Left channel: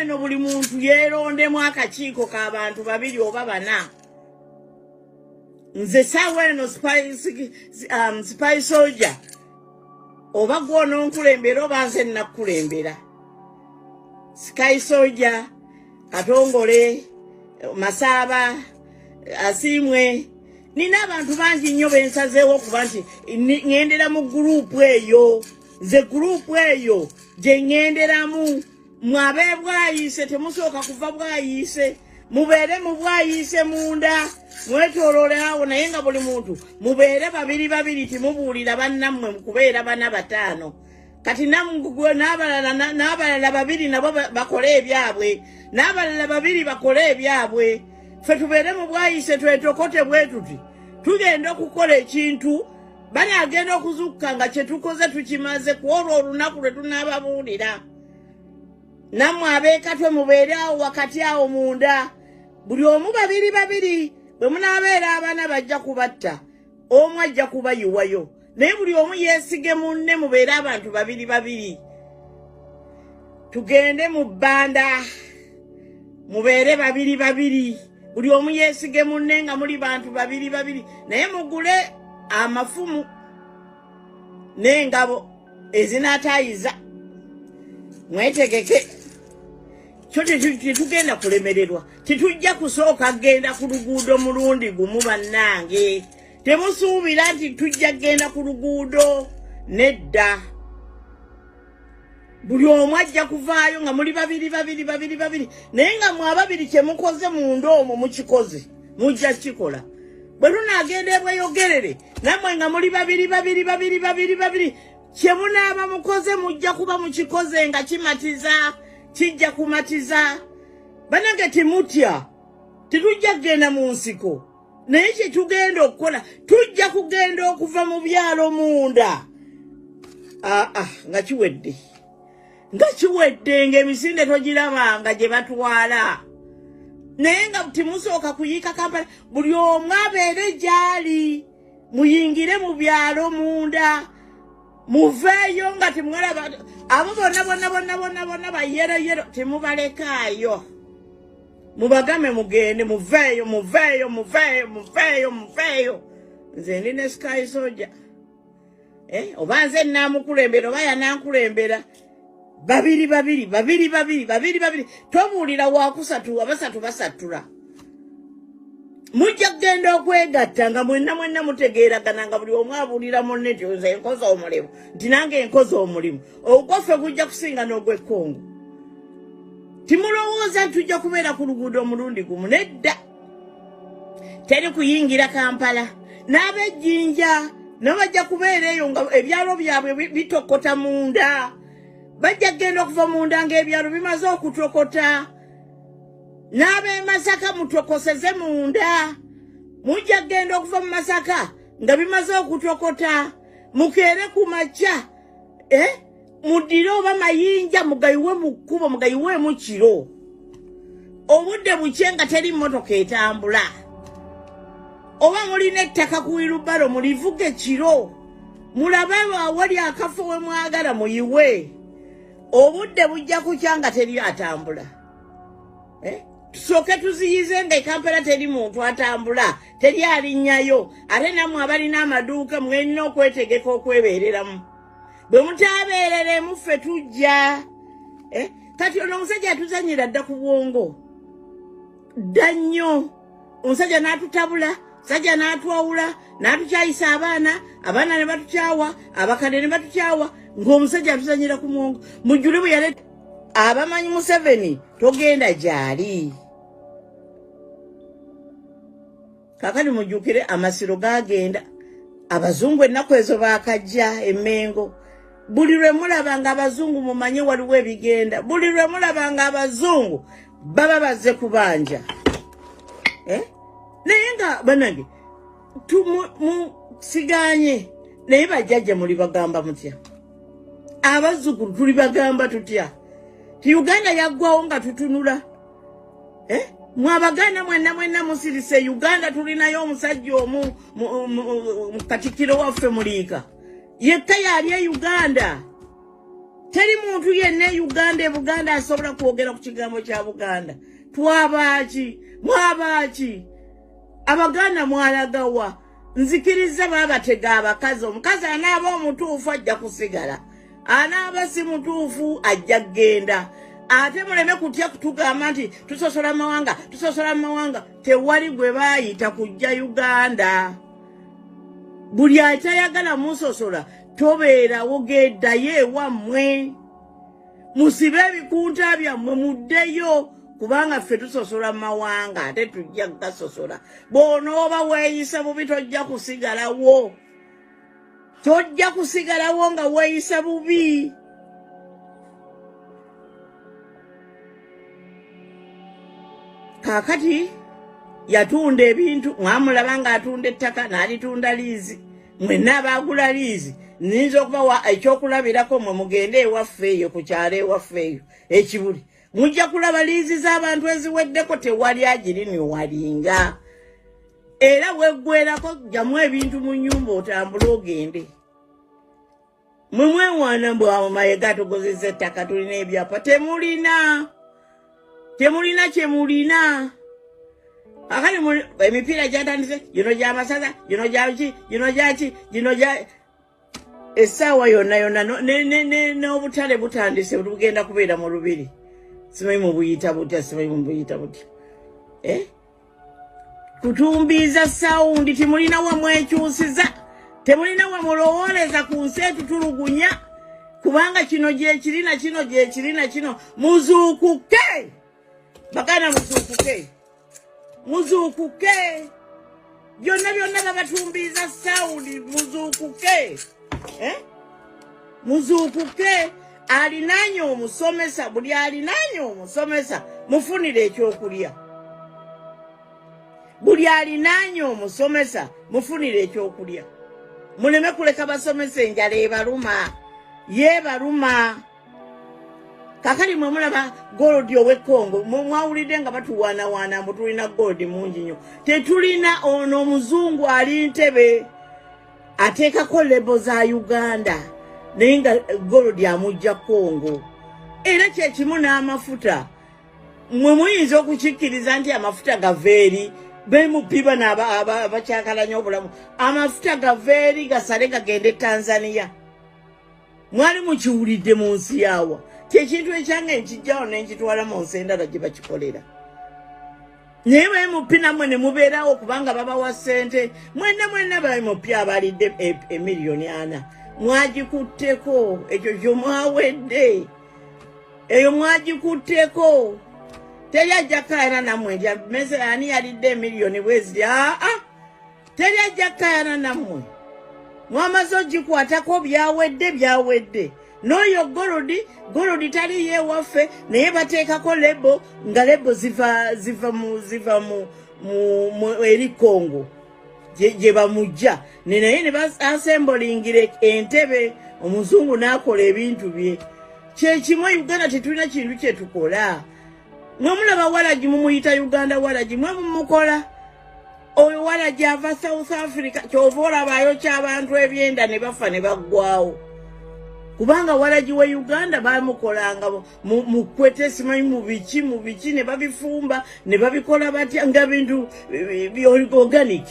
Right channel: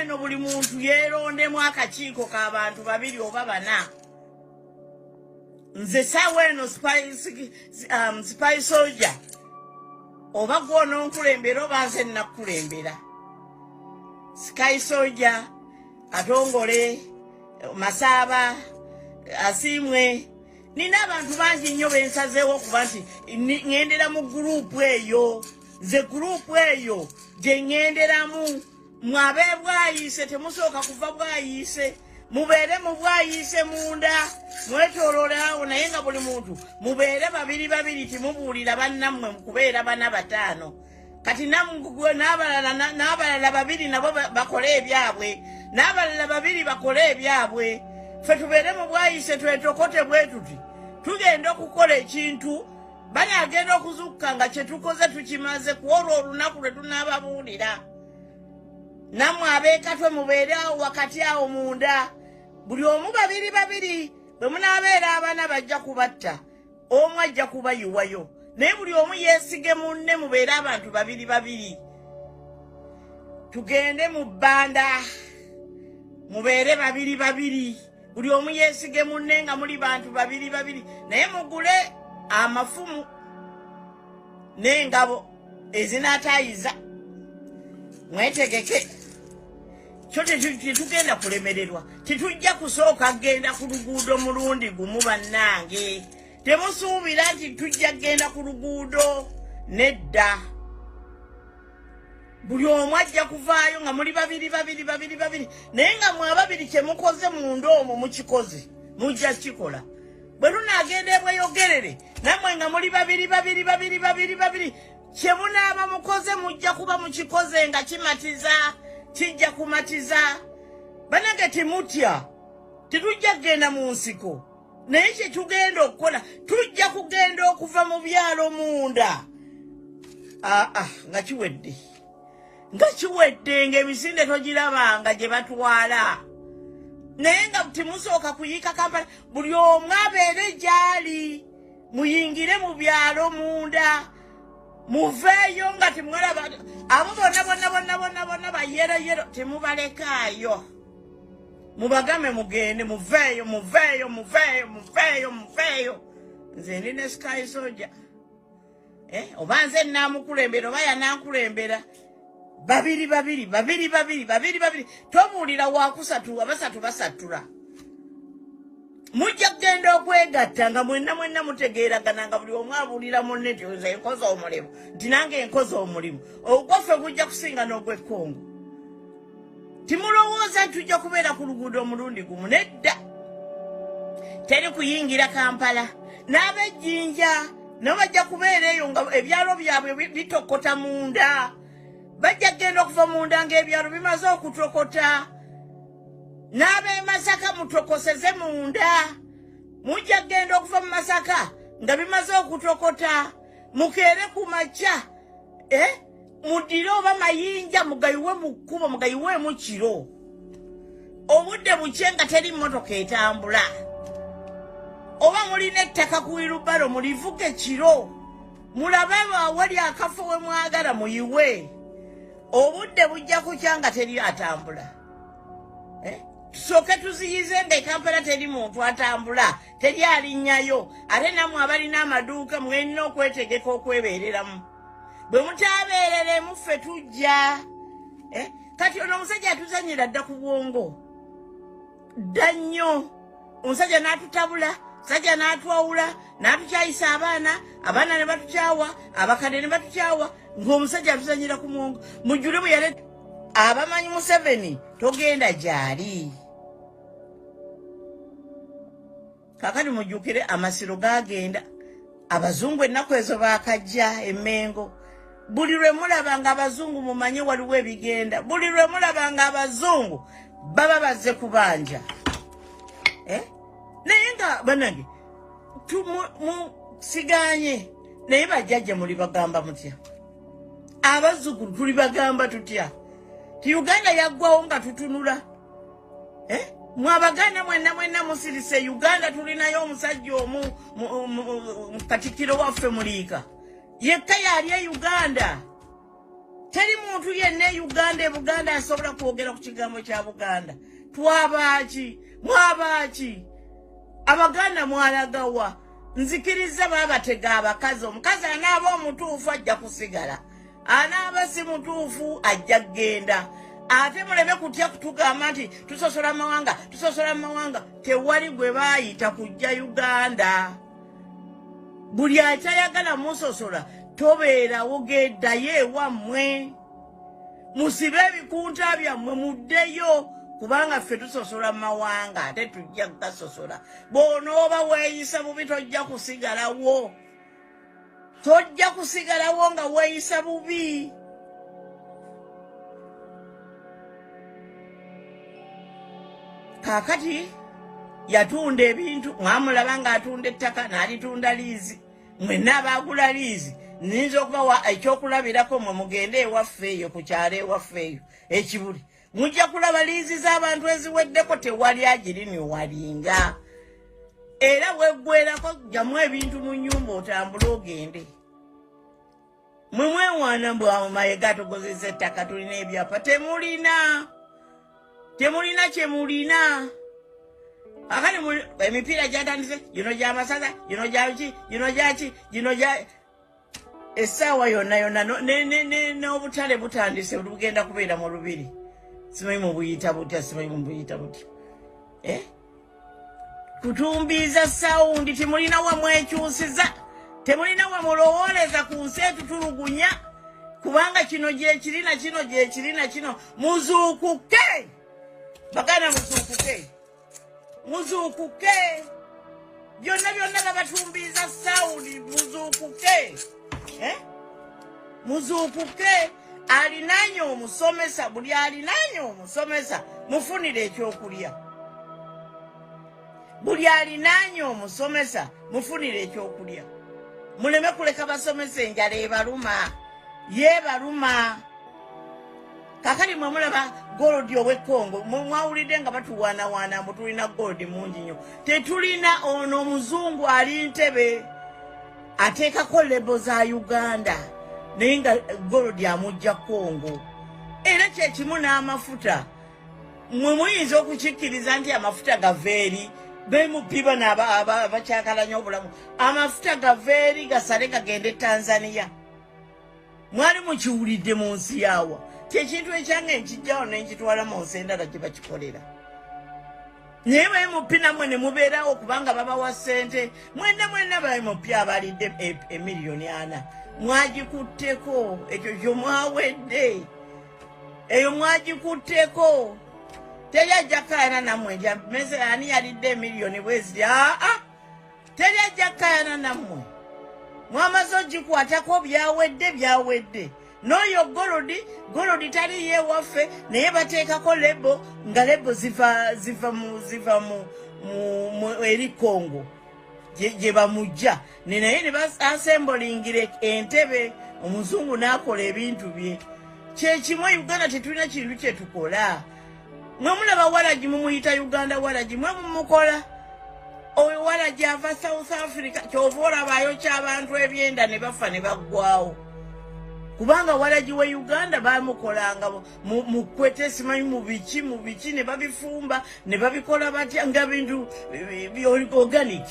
eno buli muntu yeerondemu akakiiko k'abantu babiri oba bana. Nze saawa eno spy soldier oba gw'ononkulembera oba nze nnakulembera. Sky soldier Atongole Masaba Asimwe nina abantu bangi nnyo bensazeewo okuba nti ŋŋendera mu gurupu eyo. Nze gurupu eyo gye ŋŋenderamu. Mwabe bwayise temusooka kuva bwayise. Mubeere mu bwayise munda. Mwetooloole awo naye nga buli muntu mubeere babiri babiri timubuulira bannammwe kubeera bana bataano. Kati n'abalala babiri nabo bakole ebyabwe. N'abalala babiri bakole ebyabwe. Ffe tubeere mu bwayise twetokote bwe tuti. Tugenda okukola ekintu bali agenda okuzukka nga kye tukoze tukimaze ku olwo olunaku lwe tunaababuulira. Nammwe abeekatwe mubeere awo wakati awo munda. Buli omu babiri babiri bwe munaabeera abaana bajja kubatta. Omu ajja kubayiwayo. Naye buli omu yeesige munne mubeere abantu babiri babiri. Tugende mu bbanda mubeere babiri babiri. Buli omu yeesige munne nga muli bantu babiri babiri. Naye mugule amafumu n'engabo ezinaatayiza. Mwetegeke. Kyo tetugenda kulemererwa. Titujja kusooka genda ku luguudo mulundi gumu bannange. Temusuubira nti tujja genda ku luguudo. Nedda. Buli omu ajja kuvaayo nga muli babiri babiri babiri babiri. Naye nga mwe ababiri kye mukoze munda omwo mukikoze. Mujja kikola. Bwe tunaagenda ebweyogerere nammwe nga muli babiri babiri babiri babiri babiri. Kye munaaba mukoze mujja kuba mukikoze nga kimatiza. Kijja kumatiza. Banange timutya. Titujja kugenda mu nsiko. Naye kye tugenda okukola tujja kugenda okuva mu byalo munda. Nga kiwedde. Nga kiwedde ng'emisinde togirabanga gye batwala. Naye nga timusooka kuyiika Kampala. Buli omu abeere gy'ali. Muyingire mu byalo munda. Muveeyo nga timulaba. Abo bonna bayero temubalekaayo. Mubagame mugende muveeyo. Nze ndina Sky Soldier. Oba nze naamukulembera oba yanankulembera. Babiri. Tobuulira waakusatu abasatu basatula. Mujja kugenda okwegatta nga mwenna mutegeeragana nga buli omu abuulira munne nti nze nkoze omulimu. Nti nange nkoze omulimu. Ogwaffe gujja kusinga n'ogw'ekkongo. Timulowooza nti tujja kubeera ku luguudo omulundi gumu. Nedda. Teri kuyingira Kampala. N'ab'ejjinja nabo bajja kubeera eyo nga ebyalo byabwe bitokota munda. Bajja kugenda okuva munda ng'ebyalo bimaze okutokota. N'ab'e Masaka mutokoseze munda. Mujja kugenda okuva mu Masaka nga bimaze okutokota. Mukeere ku makya. Mudire oba mayinja mugayiwe mu kkubo mugayiweemu kiro. Obudde bukye nga teri mmotoka etambula. Oba mulina ettaka ku wirubalo mulivuge kiro. Mulabe awali akafo we mwagala muyiwe. Obudde bujja kukya nga teri atambula. Tusooke tuziyize nga Kampala teri muntu atambula. Teri alinnyayo. Ate nammwe abalina amaduuka mwenina okwetegeka okwebeereramu. Bwe mutaabeereremu ffe tujja. Kati ono omusajja atuzanyira dda ku bwongo. Dda nnyo. Omusajja n'atutabula. Sajja n'atwawula. N'atukyayisa abaana ne batukyawa. Abakadde ne batukyawa. Ng'omusajja atuzanyira ku mwongo. Mujjule bwe yale abamanyi Museveni togenda gyali. Kakati mujjukire amasiro gagenda. Abazungu ennaku ezo baakajja Emmengo. Buli lwe mulaba nga abazungu mumanye waliwo ebigenda. Buli lwe mulaba nga abazungu baba bazze kubanja. Naye nga banange siganye naye bajjajja muli bagamba mutya. Abazzukulu tuli bagamba tutya. Ti Uganda yaggwawo nga tutunula. Mwabaganda mwenna musirise Uganda tulinayo omusajja omu Katikkiro waffe Muliika. Yekka yali e Uganda. teri muntu yenna Uganda Buganda asobola kwogera ku kigambo kya Buganda. Twabaki mwabaki Abaganda mwalagawa nzikiriza babatega abakazi omukazi anaaba omutuufu ajja kusigala anaaba si mutuufu ajja genda ate muleme kutya kutugamba nti tusosola mawanga tewali gwe baayita kujja Uganda. Buli atayagala musosola tobeerawo geddayo ewammwe musibe ebikunta byammwe muddeyo kubanga ffe tusosola mawanga ate tujja gasosola. Bw'onooba weeyisa bubi tojja kusigalawo. Tojja kusigalawo nga weeyisa bubi. Kaakati yatunda ebintu mwamulaba ng'atunda ettaka n'alitunda liizi. Mwenna abaagula liizi nnyinza okubawa ekyokulabirako mwe mugende ewaffe eyo ku kyalo ewaffe eyo ekibuli. Mujja kulaba liizi z'abantu eziweddeko tewali agiri walinga. Era weggwerako gyamu ebintu mu nnyumba otambule ogende. Mwe mwewaana mbwe amayiga tugozesa ettaka tulina ebyapa. Temulina kye mulina. Akali emipiira gyatandise gino gy'amasaza gino gyaki gino gyaki gino gya essaawa yonna n'obutale butandise bugenda kubeera mu lubiri. Simanyi mubuyita butya. Kutumbiza saundi temulina wa mwekyusiza. Temulina wa mulowooleza ku nsi etutulugunya. Kubanga kino gyekirina kino gyekirina kino. Muzuukuke. Baganda muzuukuke. Byonna babatumbiza saundi muzuukuke. Muzuukuke. Alinanye omusomesa buli alinanye omusomesa mufunire ekyokulya. Buli alinanye omusomesa mufunire ekyokulya. Muleme kuleka basomesa enjala ebaluma. Yebaluma. Kakali mwe mulaba gold ow'Ekongo mwawulidde nga batuwaanawaana mbu tulina gold mungi nnyo. Tetulina ono omuzungu ali Ntebe ateekako lebo za Uganda. Nenga gold amujja Kongo. Era kyekimu n'amafuta. Mwe muyinza okukikkiriza nti amafuta gaveeri bemupiba n'abakyakalanya obulamu. Amafuta gaveeri gasale gagende Tanzania. Mwali mukiwulidde mu nsi yaawa. Kyekintu ekyange nkijjawo nenkitwala mu nsi endala gye bakikolera. Naye bemupi nammwe ne mubeerawo kubanga babawa ssente. Mwenna bemupya abalidde emiliyoni 4. Mwagikutteko ekyo kyo mwawedde. Eyo mwagikutteko. Teri ajja kkaayana nammwe ndya mmese ani yalidde emiliyoni bweziri. Teri ajja kkaayana nammwe. Mwamaze ogikwatako byawedde. N'oyo golodi tali yeewaffe naye bateekako lebo nga lebo ziva mu eri Kongo. Gye bamujja naye ne basembolingira Entebe omuzungu n'akola ebintu bye. Kyekimu Uganda tetulina kintu kye tukola. Mwe mulaba Waragi mumuyita Uganda Waragi mwe mumukola. Oyo Waragi ava South Africa kyova olabayo ky'abantu ebyenda ne bafa ne baggwawo. Kubanga Waragi wa Uganda bamukolanga mu kwete simanyi mu biki ne babifumba ne babikola batya nga bintu organic.